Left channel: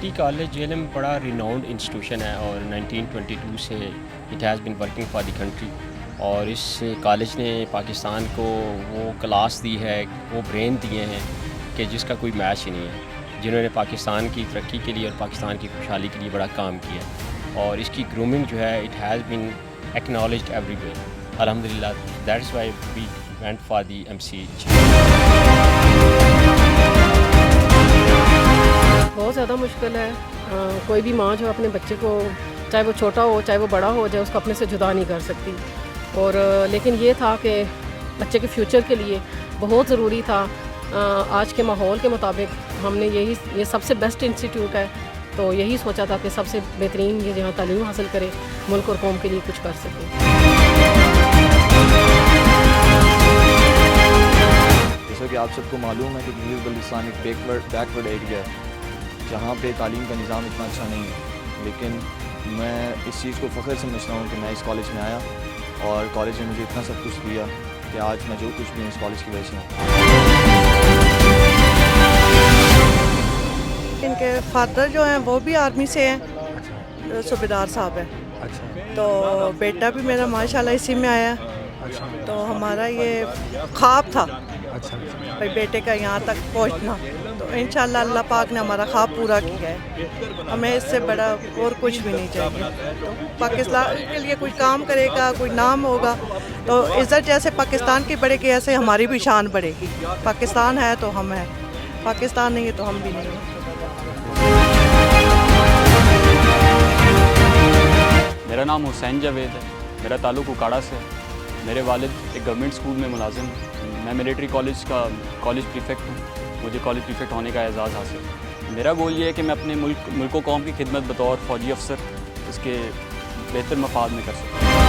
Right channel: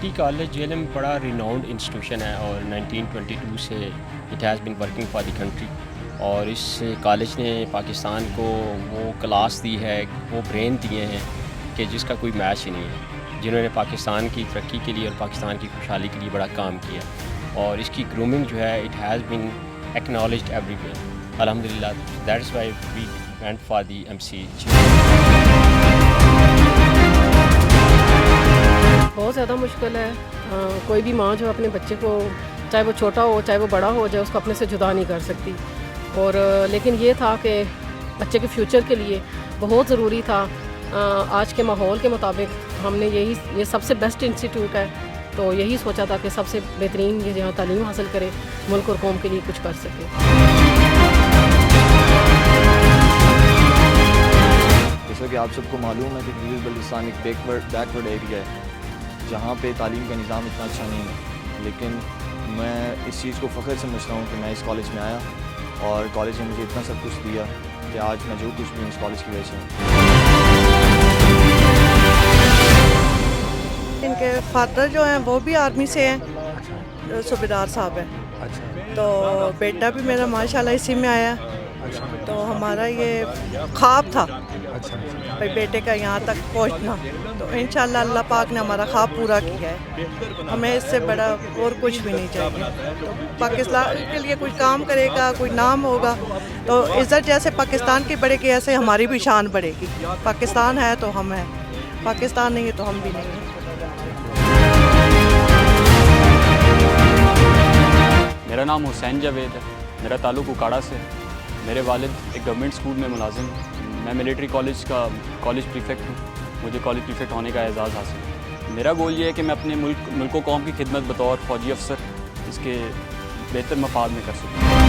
Trinity college JLM بڑا renowned institution ہے اور 1922 سے it has been working for the country, اور اس کالج نے پاکستان کو وہ کلاس دی ہے، وہ برین دیے ہیں کہ جس کا کوئی میچ ہی نہیں ہے، جنہوں نے پاکستان کی ترقی کے لیے اور پاکستان کی خوشحالی کے لیے بڑا کام کیا، اور اس کی گرومنگ جو ہے it has been acknowledged everywhere الحمدللہ. That is why we went for the MCH. بہت زیادہ مشکل ہے. کوئی بھی ماں جو اپنے بچے کو، چاہے وہ چھوٹا ہو چاہے وہ بڑا ہو جائے، اس کو اپنے سے جدا نہیں کر سکتی. اور لیکن یہ تھا کہ بچے کے فیوچر کے لیے بہت ضروری تھا. آج کے ماحول کے مطابق ہم نے یہ سب سے بیسٹ انسٹیٹیوٹ ہے، تو یہی سوچا تھا کہ سب سے بہترین یہ جہاں تعلیم حاصل کرے، ملک اور قوم کے لیے کچھ کر سکے. جیسا کہ آپ سب کو معلوم ہے کہ گلگت بلتستان ایک بیکورڈ ایریا ہے جہاں پہ تعلیم کا نظام اتنا اچھا نہیں ہے، لیکن میں اس چیز کو فخر سمجھتا ہوں کہ میں اس کالج میں آیا اور کالج نے مجھے اتنا سب کچھ دیا کہ آج میں جو کچھ بھی ہوں اس کالج کی وجہ سے ہوں. ان کے فادر جو ہیں وہ بھی آرمی سے ہیں، صوبیدار صاحب ہیں، تو بیٹا بھی میرا ماشاءاللہ اسی میں آیا. تو ہمارا یہ خواب تھا بھائی بیٹے کا یہاں تک پہنچنا، تو انشاءاللہ اللہ پاک نے ہمارا خواب پورا کیا ہے. ہمیں اس سے بڑا اور کچھ بھی نہیں چاہیے. تو پاکستان کے لیے کوئی کام کرے گا، کوئی نام ہوگا، تو عزت جیسے پاکستان کی بڑھے گی ایسے ہماری بھی شان بڑھے گی. پاکستان ہے تو ہم ہیں، پاکستان نہیں ہے تو ہم بھی نہیں ہیں. میرا نام حسین جاوید ہے، میرا تعلق اکاڑا سے ہے. میرے والد ایک گورنمنٹ اسکول میں ملازم ہیں. میں ملٹری کالج کا کالج پریفیکٹ ہوں. مجھے کالج پریفیکٹ ہونے کا اعزاز حاصل ہے. میرا گول یہ ہے کہ میں اپنے ملک و قوم کی خدمت بطور فوجی افسر اس کے بہتر مفاد میں کر سکوں.